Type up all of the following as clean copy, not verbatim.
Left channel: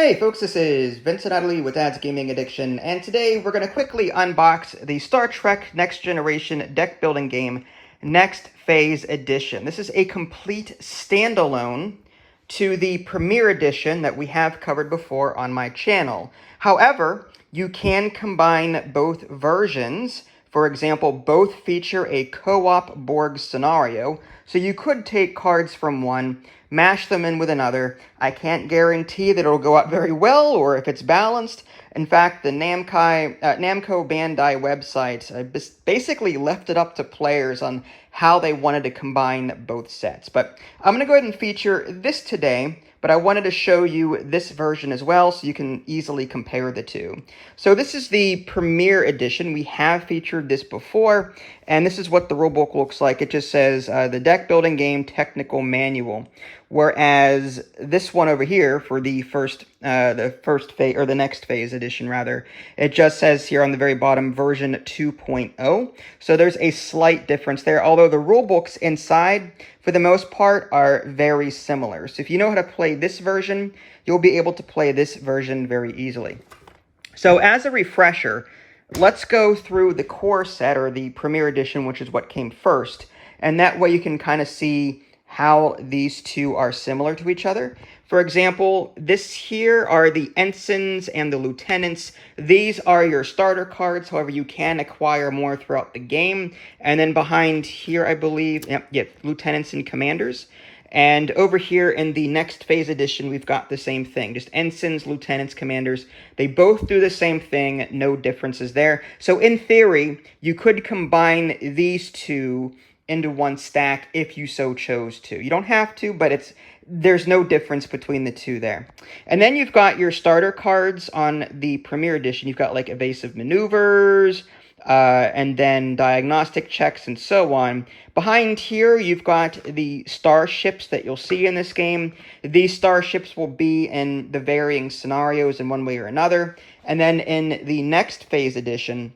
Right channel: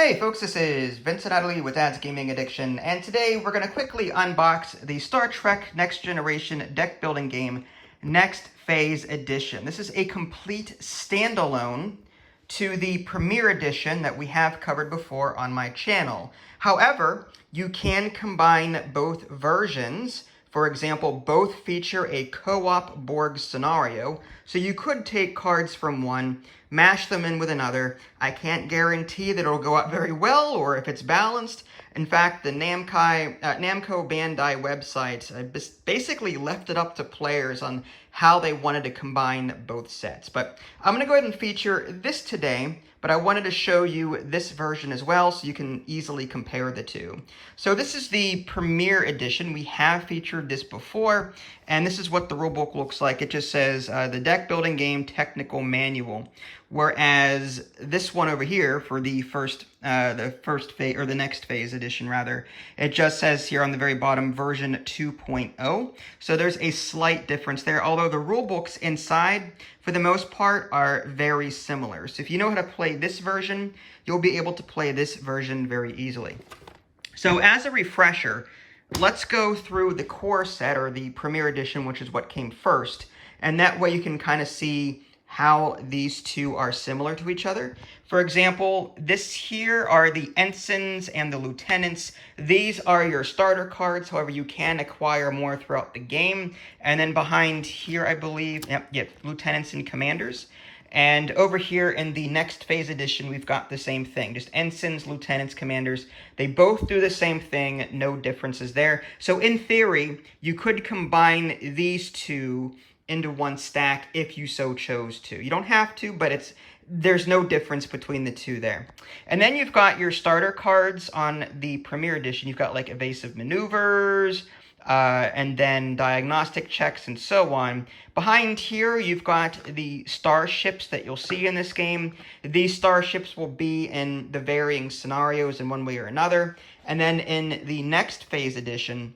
Hey folks, this is Vincent Utley with Dad's Gaming Addiction, and today we're going to quickly unbox the Star Trek Next Generation deck building game, Next Phase Edition. This is a complete standalone to the Premier Edition that we have covered before on my channel. However, you can combine both versions. For example, both feature a co-op Borg scenario, so you could take cards from one, mash them in with another. I can't guarantee that it'll go out very well or if it's balanced. In fact, the Namco Bandai website basically left it up to players on how they wanted to combine both sets. But I'm going to go ahead and feature this today, but I wanted to show you this version as well so you can easily compare the two. So this is the Premier Edition. We have featured this before, and this is what the rulebook looks like. It just says the Deck Building Game Technical Manual, whereas this one over here for the the Next Phase Edition rather, it just says here on the very bottom version 2.0. So there's a slight difference there, although the rulebooks inside for the most part are very similar. So if you know how to play this version, you'll be able to play this version very easily. So as a refresher, let's go through the core set, or the Premier Edition, which is what came first, and that way you can kind of see how these two are similar to each other. For example, this here are the ensigns and the lieutenants. These are your starter cards, however you can acquire more throughout the game. And then behind here, I believe, lieutenants and commanders. And over here in the Next Phase Edition, we've got the same thing, just ensigns, lieutenants, commanders. They both do the same thing, no differences there. So in theory, you could combine these two into one stack if you so chose to. You don't have to, but there's no difference between the two there. And then you've got your starter cards on the Premier Edition. You've got like evasive maneuvers, and then diagnostic checks and so on. Behind here, you've got the starships that you'll see in this game. These starships will be in the varying scenarios in one way or another. And then in the Next Phase Edition,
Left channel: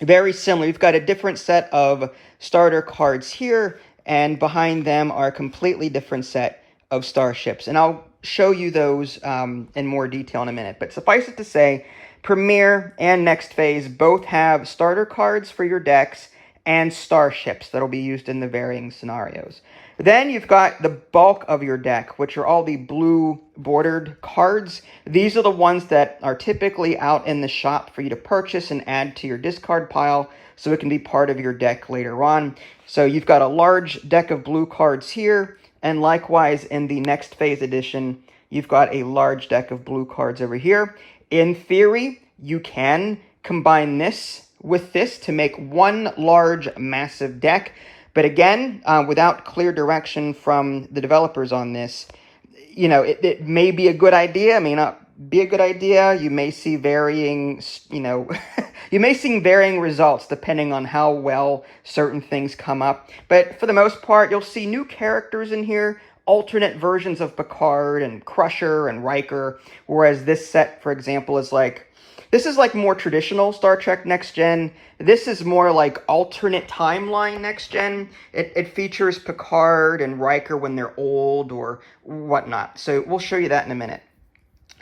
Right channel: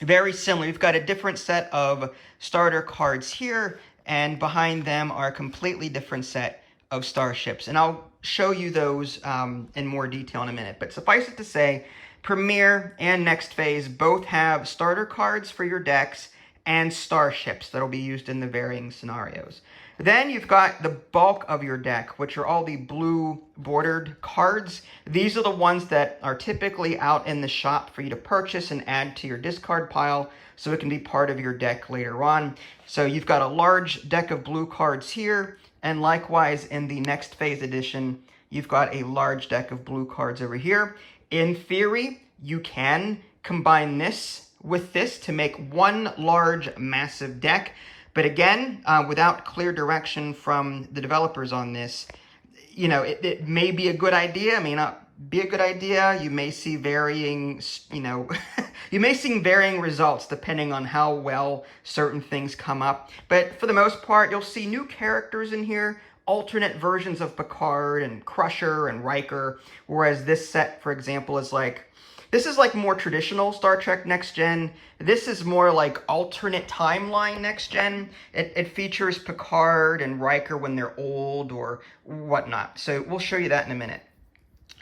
very similar. We've got a different set of starter cards here, and behind them are a completely different set of starships. And I'll show you those in more detail in a minute. But suffice it to say, Premier and Next Phase both have starter cards for your decks and starships that'll be used in the varying scenarios. Then you've got the bulk of your deck, which are all the blue bordered cards. These are the ones that are typically out in the shop for you to purchase and add to your discard pile, so it can be part of your deck later on. So you've got a large deck of blue cards here, and likewise in the Next Phase Edition, you've got a large deck of blue cards over here. In theory, you can combine this with this to make one large, massive deck. But again, without clear direction from the developers on this, you know, it may be a good idea. It may not be a good idea. You may see varying, you may see varying results depending on how well certain things come up. But for the most part, you'll see new characters in here, alternate versions of Picard and Crusher and Riker, whereas this set, for example, is like, this is like more traditional Star Trek Next Gen. This is more like alternate timeline Next Gen. It features Picard and Riker when they're old or whatnot. So we'll show you that in a minute.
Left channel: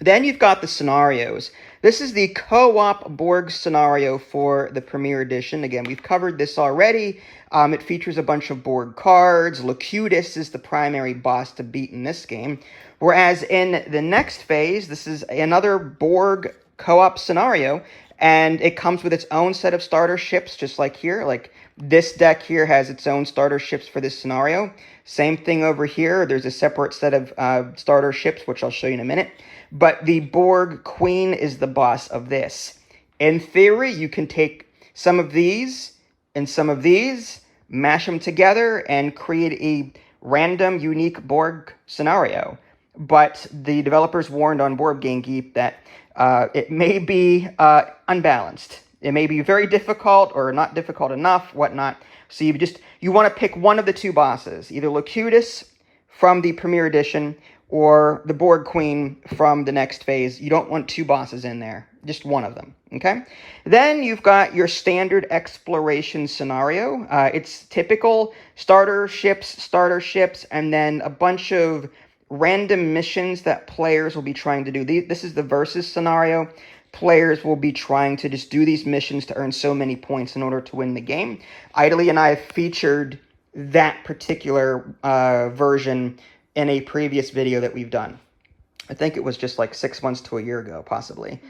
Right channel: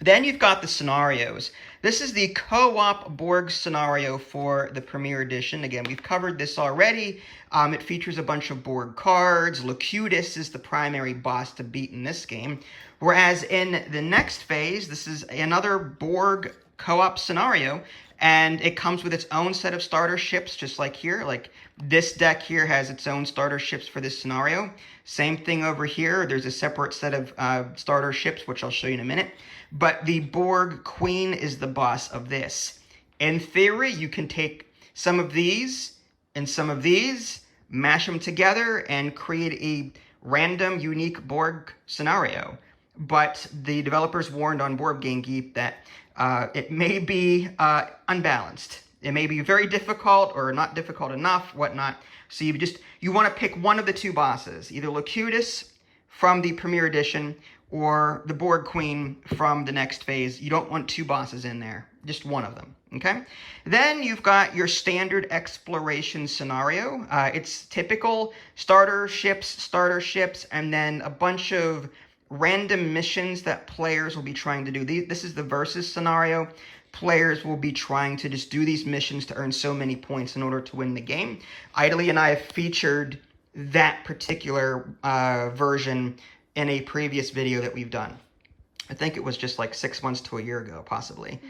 Then you've got the scenarios. This is the co-op Borg scenario for the Premier Edition. Again, we've covered this already. It features a bunch of Borg cards. Locutus is the primary boss to beat in this game. Whereas in the Next Phase, this is another Borg co-op scenario, and it comes with its own set of starter ships, just like here. Like this deck here has its own starter ships for this scenario. Same thing over here. There's a separate set of starter ships, which I'll show you in a minute. But the Borg Queen is the boss of this. In theory, you can take some of these and some of these, mash them together, and create a random, unique Borg scenario. But the developers warned on Board Game Geek that it may be unbalanced. It may be very difficult or not difficult enough, whatnot. So you want to pick one of the two bosses, either Locutus from the Premier Edition or the Borg Queen from the Next Phase. You don't want two bosses in there, just one of them, okay? Then you've got your standard exploration scenario. It's typical starter ships, and then a bunch of random missions that players will be trying to do. This is the versus scenario. Players will be trying to just do these missions to earn so many points in order to win the game. Idly and I have featured that particular version in a previous video that we've done. I think it was just like 6 months to a year ago, possibly.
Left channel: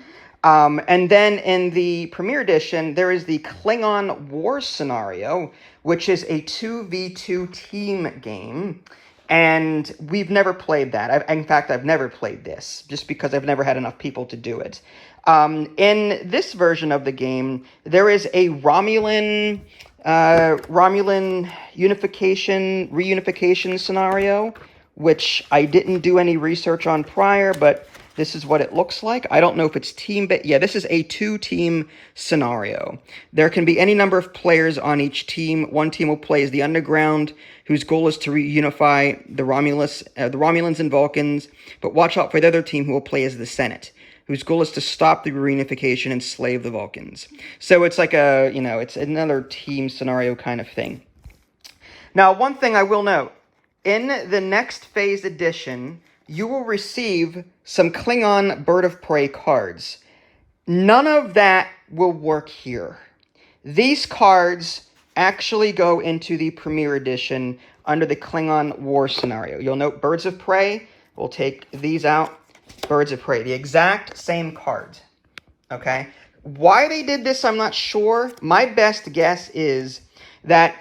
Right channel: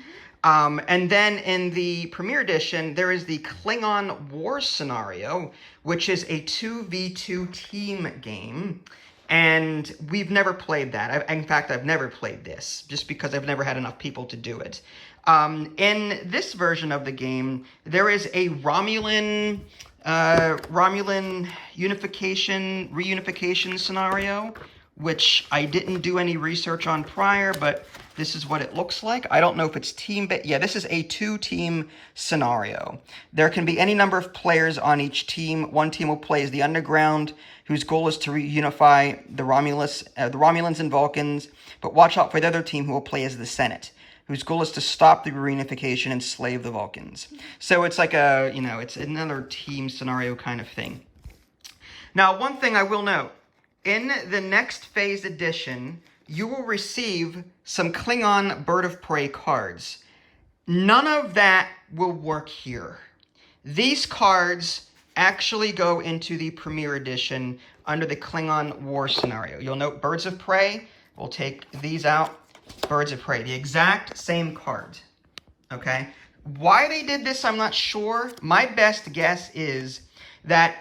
And then in the Premier Edition, there is the Klingon War Scenario, which is a 2v2 team game. And we've never played that. In fact, I've never played this, just because I've never had enough people to do it. In this version of the game, there is a Romulan reunification scenario, which I didn't do any research on prior, but this is what it looks like. I don't know if it's team-based. Yeah, this is a 2-team scenario. There can be any number of players on each team. One team will play as the Underground, whose goal is to reunify the Romulans and Vulcans. But watch out for the other team, who will play as the Senate, whose goal is to stop the reunification and enslave the Vulcans. So it's like it's another team scenario kind of thing. Now, one thing I will note, in the Next Phase edition, you will receive some Klingon Bird of Prey cards. None of that will work here. These cards actually go into the Premier Edition under the Klingon War Scenario. You'll note Birds of Prey. We'll take these out. Birds of Prey. The exact same card. Okay? Why they did this, I'm not sure. My best guess is that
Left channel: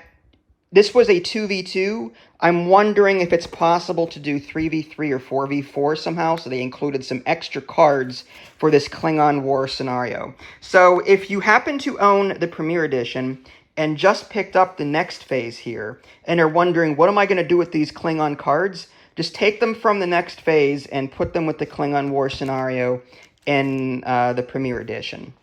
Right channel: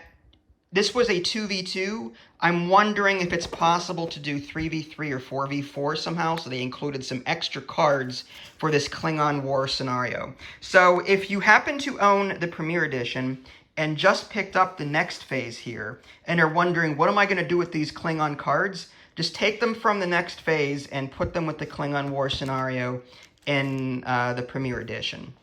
this was a 2v2. I'm wondering if it's possible to do 3v3 or 4v4 somehow, so they included some extra cards for this Klingon War Scenario. So if you happen to own the Premier Edition and just picked up the Next Phase here, and are wondering, what am I going to do with these Klingon cards? Just take them from the Next Phase and put them with the Klingon War Scenario in the Premier Edition.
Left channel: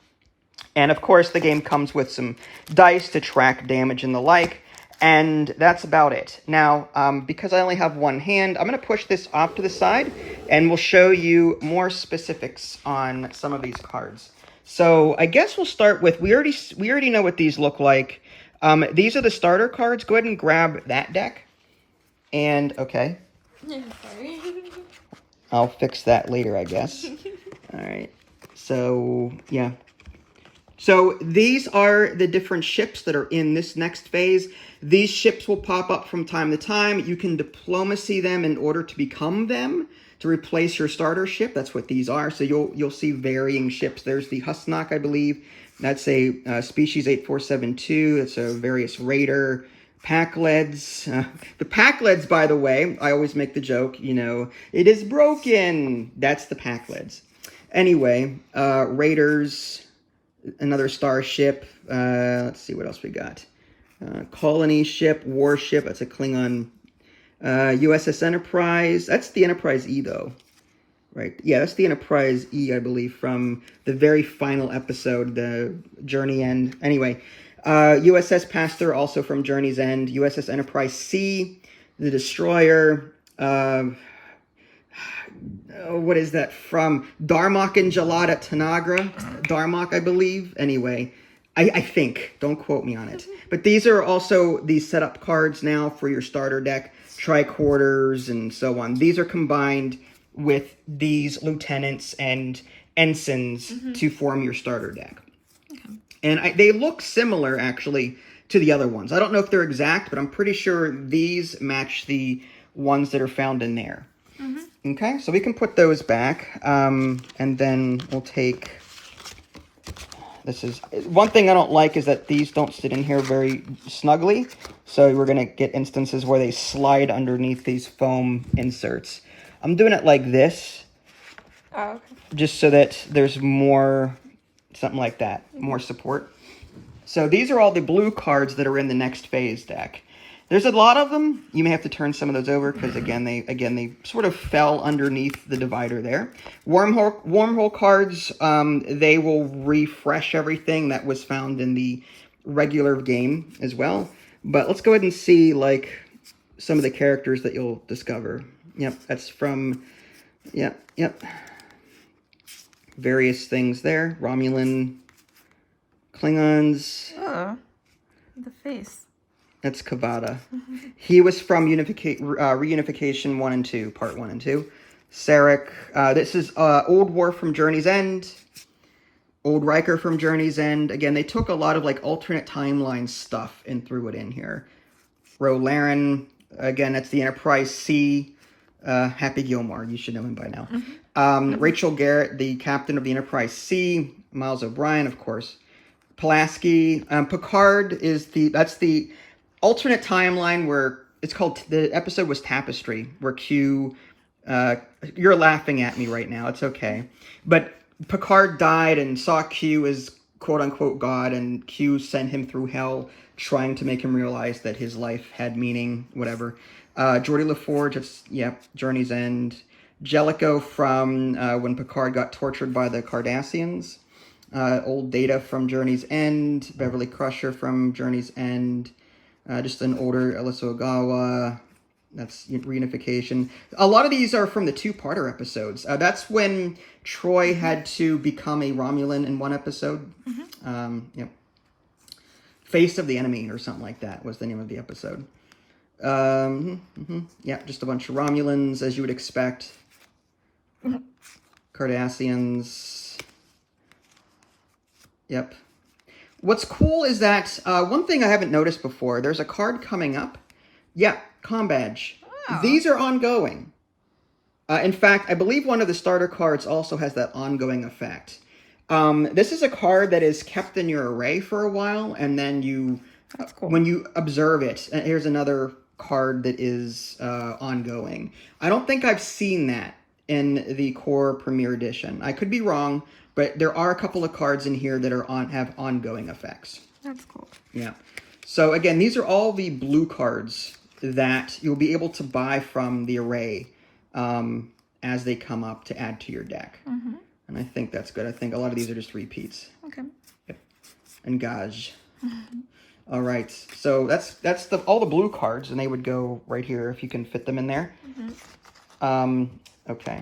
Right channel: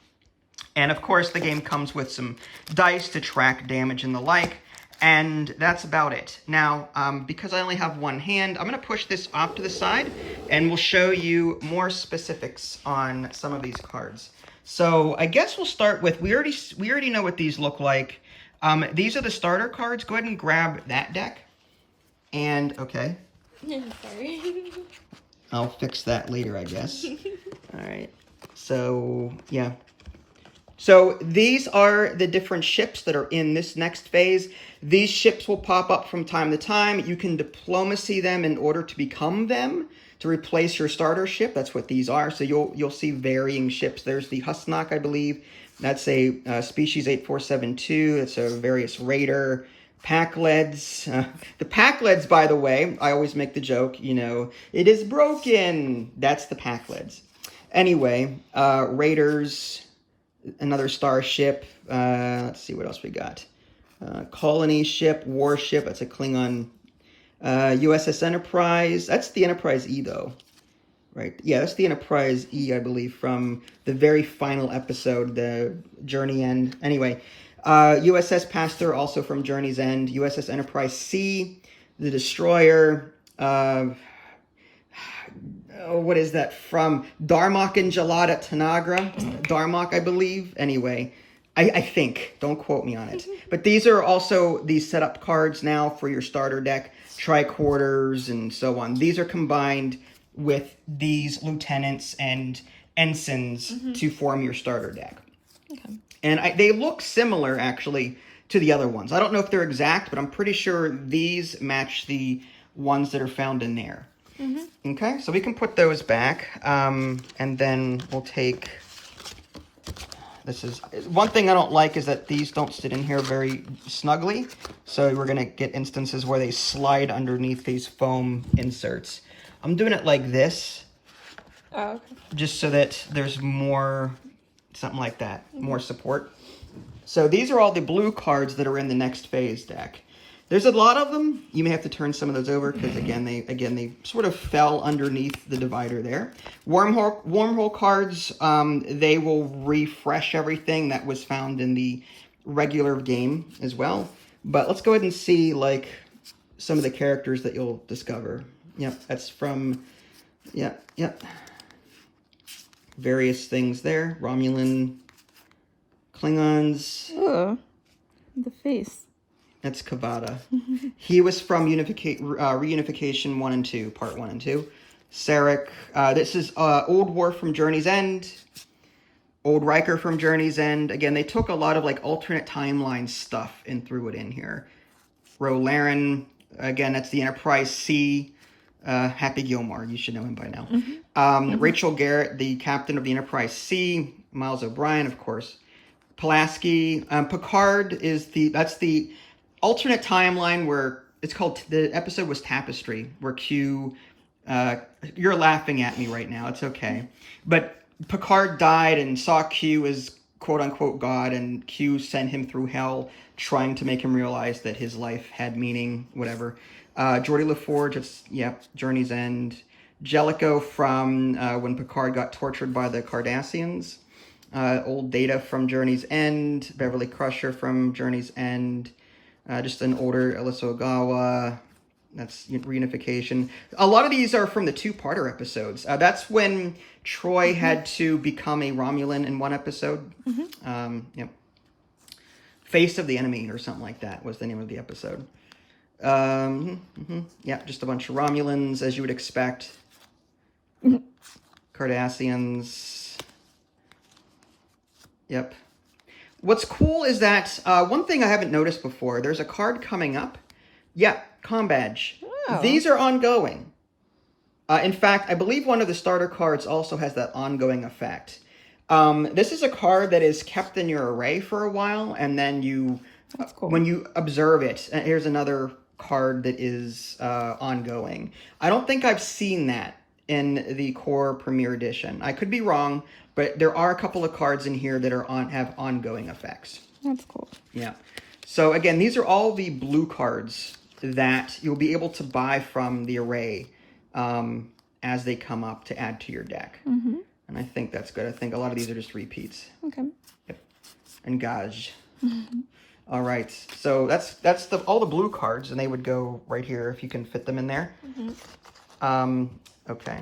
And of course, the game comes with some dice to track damage and the like. And that's about it. Now, because I only have one hand, I'm going to push this off to the side, and we'll show you more specifics on some of these cards. So I guess we'll start with, we already know what these look like. These are the starter cards. Go ahead and grab that deck. And, okay. Sorry. I'll fix that later, I guess. All right. So, yeah. So these are the different ships that are in this next phase. These ships will pop up from time to time. You can diplomacy them in order to become them, to replace your starter ship. That's what these are. So you'll see varying ships. There's the Husnock, I believe. That's a species 8472. It's a various raider. Packleds. The Packleds, by the way, I always make the joke, it is broken. That's the Packleds. Anyway, raiders. Another starship. Let's see what else we got. Colony ship, warship. That's a Klingon. USS Enterprise. That's the Enterprise E, though. Right? Yeah, that's the Enterprise E, I believe, from the very final episode, the Journey End. Anyway, USS Pasteur, also from Journey's End. USS Enterprise C, the Destroyer. What is that from? Darmok and Jalad at Tanagra. Darmok, I believe. Anyway, I think. Don't quote me on it. But these are also the setup cards now for your starter deck. Tricorders and so on. These are combined with these lieutenants and ensigns to form your starter deck. Okay. And they look similar, actually, to the other ones. I don't know if they're exact, but I'm pretty sure these match the ones that are found in there. Okay, so we can put those back, and then we'll take, this is, one thing I don't like is that these don't sit in here very snugly, so we're going to get instances where they slide underneath these foam inserts. I'm doing it like this, just so that there's more, something like that, more support. So these are all the blue cards that are in the Next Phase deck. There's a lot of them. You may have to turn some of those over because, again, they sort of fell underneath the divider there. Wormhole cards, they will refresh everything that was found in the regular game as well. But let's go ahead and see, like, some of the characters that you'll discover. Yep, that's from, yep. Various things there. Romulan, Klingons. Ooh, the face. That's Kavada. He was from Reunification 1 and 2, Part 1 and 2. Sarek. This is Old War from Journey's End. Old Riker from Journey's End. Again, they took a lot of like alternate timeline stuff and threw it in here. Ro Laren. Again, that's the Enterprise C. Happy Gilmore. You should know him by now. Rachel Garrett, the captain of the Enterprise C. Miles O'Brien, of course. Pulaski. Picard is that's the alternate timeline where it's called, the episode was Tapestry, where Q, you're laughing at me right now, it's okay. But Picard died and saw Q as quote-unquote God, and Q sent him through hell, trying to make him realize that his life had meaning, whatever. Geordie LaForge, it's, Journey's End. Jellicoe from when Picard got tortured by the Cardassians. Old Data from Journey's End. Beverly Crusher from Journey's End. Just an older Alyssa Ogawa. That's Reunification. A lot of these are from the two-parter episodes. That's when Troy had to become a Romulan in one episode. Face of the Enemy or something like that was the name of the episode. Just a bunch of Romulans, as you would expect. Cardassians. Yep. What's cool is that, one thing I haven't noticed before, there's a card coming up. Yeah, Com Badge. Oh. These are ongoing. In fact, I believe one of the starter cards also has that ongoing effect. This is a card that is kept in your array for a while, and then you, that's cool. When you observe it, and here's another card that is ongoing. I don't think I've seen that in the core Premier Edition. I could be wrong, but there are a couple of cards in here that are have ongoing effects. That's cool. Yeah. So again, these are all the blue cards that you'll be able to buy from the array as they come up to add to your deck. And I think that's good. I think a lot of these are just repeats. Okay. Yep. And Gage. All right. So that's all the blue cards, and they would go right here if you can fit them in there. Okay.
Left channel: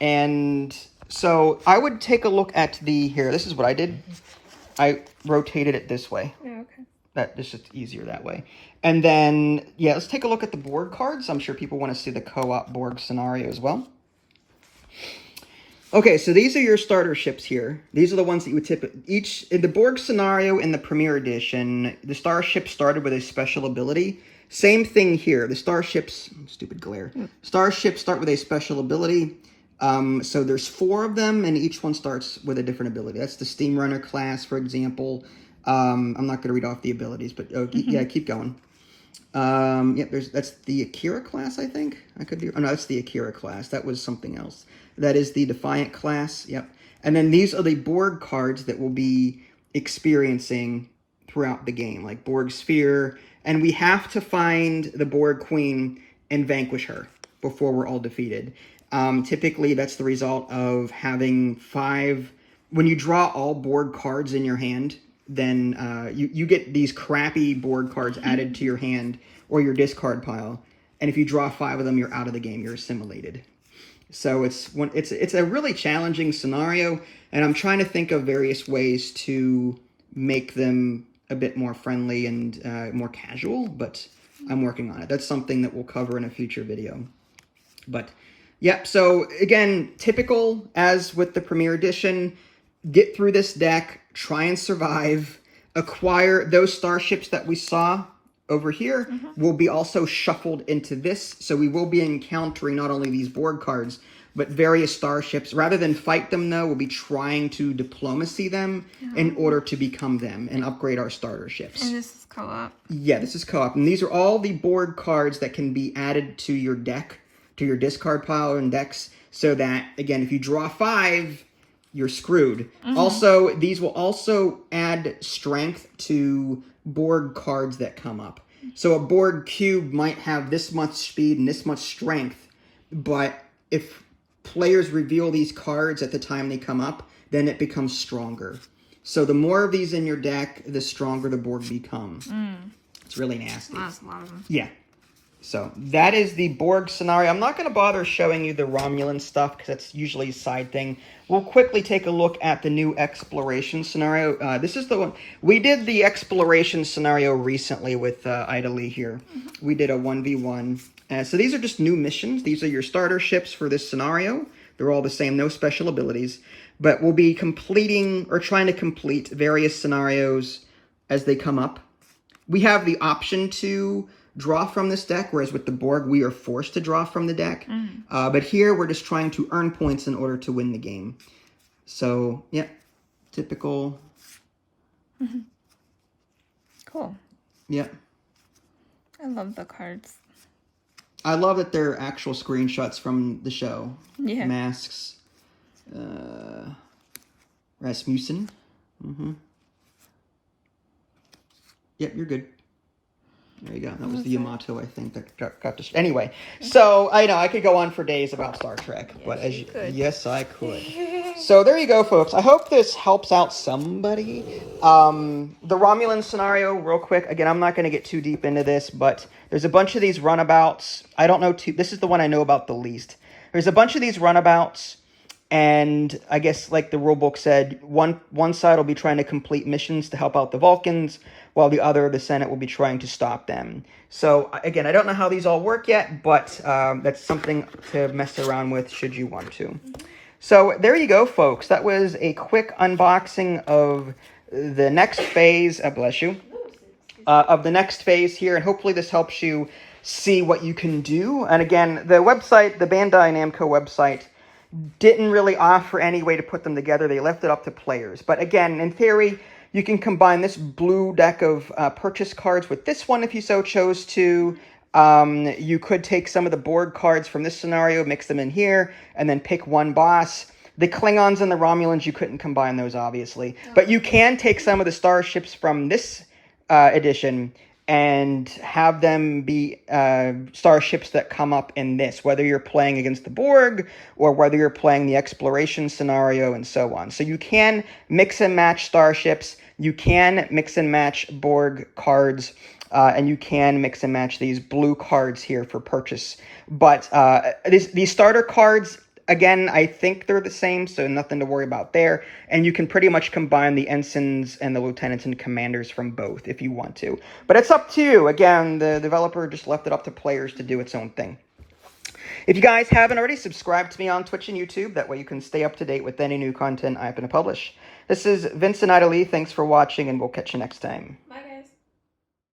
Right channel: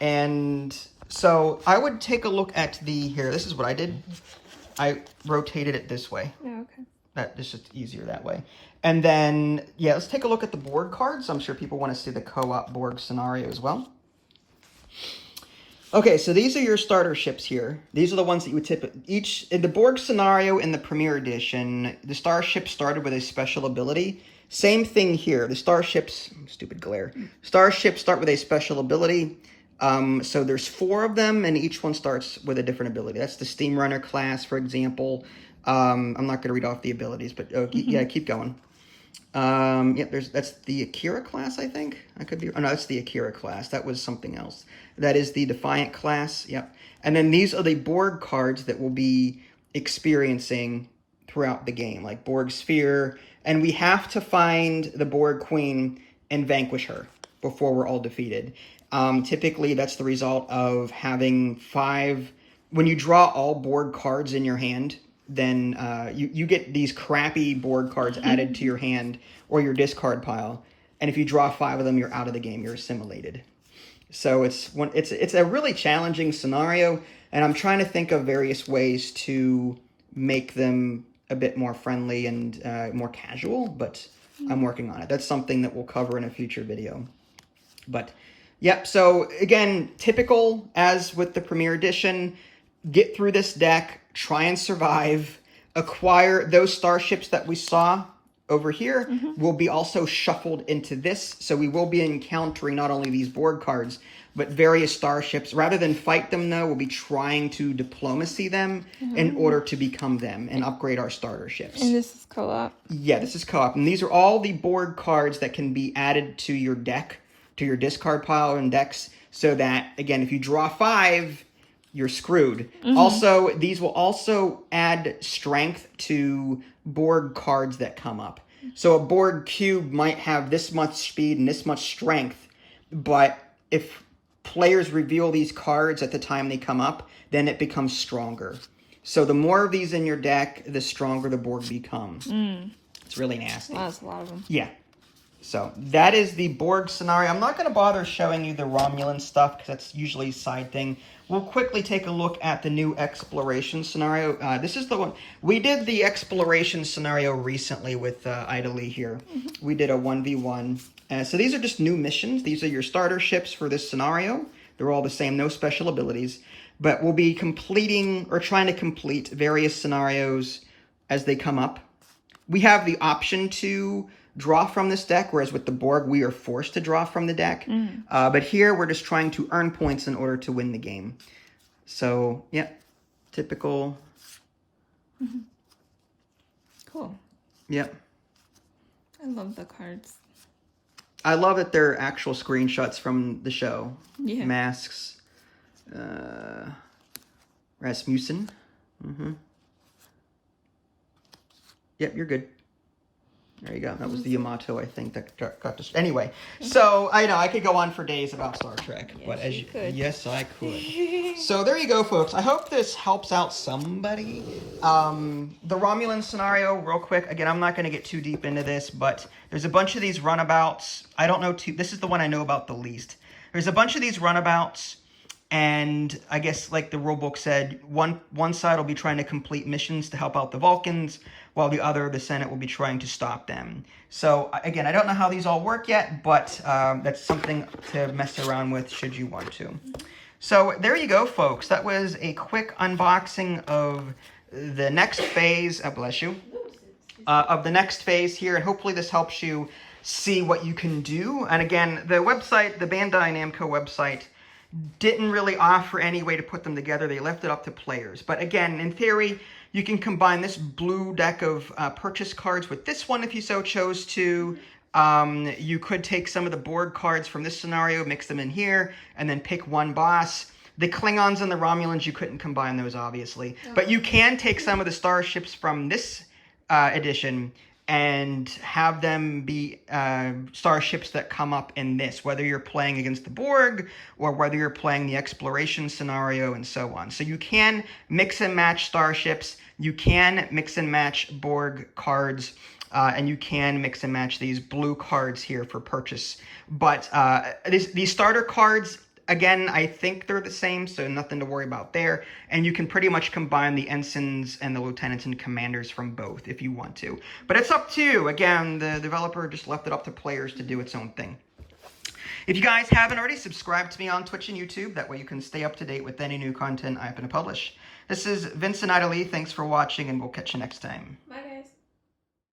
And so I would take a look at here. This is what I did. I rotated it this way. Yeah, okay. It's just easier that way. And then, let's take a look at the board cards. I'm sure people want to see the co-op board scenario as well. Okay, so these are your starter ships here. These are the ones that you would tip in the Borg scenario in the Premier Edition. The starship started with a special ability. Same thing here. The starships, stupid glare. Starships start with a special ability. So there's 4 of them, and each one starts with a different ability. That's the Steam Runner class, for example. I'm not going to read off the abilities, but keep going. That's the Akira class, I think. I could be. Oh no, that's the Akira class. That was something else. That is the Defiant class. Yep. And then these are the Borg cards that we'll be experiencing throughout the game, like Borg Sphere. And we have to find the Borg Queen and vanquish her before we're all defeated. Typically, that's the result of having 5. When you draw all Borg cards in your hand, then you get these crappy Borg cards added to your hand or your discard pile. And if you draw 5 of them, you're out of the game. You're assimilated. So it's a really challenging scenario, and I'm trying to think of various ways to make them a bit more friendly and more casual, but I'm working on it. That's something that we'll cover in a future video. But, so again, typical as with the Premier Edition, get through this deck, try and survive, acquire those starships that we saw over here will be also shuffled into this. So we will be encountering not only these board cards, but various starships. Rather than fight them, though, we'll be trying to diplomacy them in order to become them and upgrade our starter ships. And this is co-op? Yeah, this is co-op. And these are all the board cards that can be added to your deck, to your discard pile and decks, so that, again, if you draw 5, you're screwed. Also, these will also add strength to Borg cards that come up. So a Borg cube might have this much speed and this much strength, but if players reveal these cards at the time they come up, then it becomes stronger. So the more of these in your deck, the stronger the Borg become. It's really nasty. Well, that's a lot of them. Yeah. So that is the Borg scenario. I'm not going to bother showing you the Romulan stuff because that's usually a side thing. We'll quickly take a look at the new exploration scenario. This is the one. We did the exploration scenario recently with Ida Lee here. We did a 1v1. So these are just new missions. These are your starter ships for this scenario. They're all the same, no special abilities. But we'll be completing or trying to complete various scenarios as they come up. We have the option to draw from this deck, whereas with the Borg, we are forced to draw from the deck. But here, we're just trying to earn points in order to win the game. So, yeah, typical. Cool. Yeah. I love the cards. I love that they're actual screenshots from the show. Yeah. Masks. Rasmussen. Yep, you're good. There you go. That was the Yamato, I think, that got this. Anyway, so I know I could go on for days about Star Trek, but as you, yes, I could. So there you go, folks. I hope this helps out somebody. The Romulan scenario, real quick. Again, I'm not going to get too deep into this, but there's a bunch of these runabouts. I don't know. This is the one I know about the least. There's a bunch of these runabouts. And I guess, like the rulebook said, one side will be trying to complete missions to help out the Vulcans, while the other, the Senate, will be trying to stop them. So, again, I don't know how these all work yet, but that's something to mess around with should you want to. So, there you go, folks. That was a quick unboxing of the next phase, bless you, of the next phase here, and hopefully this helps you see what you can do. And again, the website, the Bandai Namco website, didn't really offer any way to put them together. They left it up to players. But again, in theory, you can combine this blue deck of purchase cards with this one if you so chose to. You could take some of the Borg cards from this scenario, mix them in here, and then pick one boss. The Klingons and the Romulans, you couldn't combine those, obviously. But you can take some of the starships from this edition and have them be starships that come up in this, whether you're playing against the Borg or whether you're playing the exploration scenario and so on. So you can mix and match starships, you can mix and match Borg cards, and you can mix and match these blue cards here for purchase. But these starter cards, again, I think they're the same, so nothing to worry about there. And you can pretty much combine the ensigns and the lieutenants and commanders from both if you want to. But it's up to you. Again, the developer just left it up to players to do its own thing. If you guys haven't already, subscribe to me on Twitch and YouTube. That way you can stay up to date with any new content I happen to publish. This is Vincent Ida Lee. Thanks for watching, and we'll catch you next time. Bye.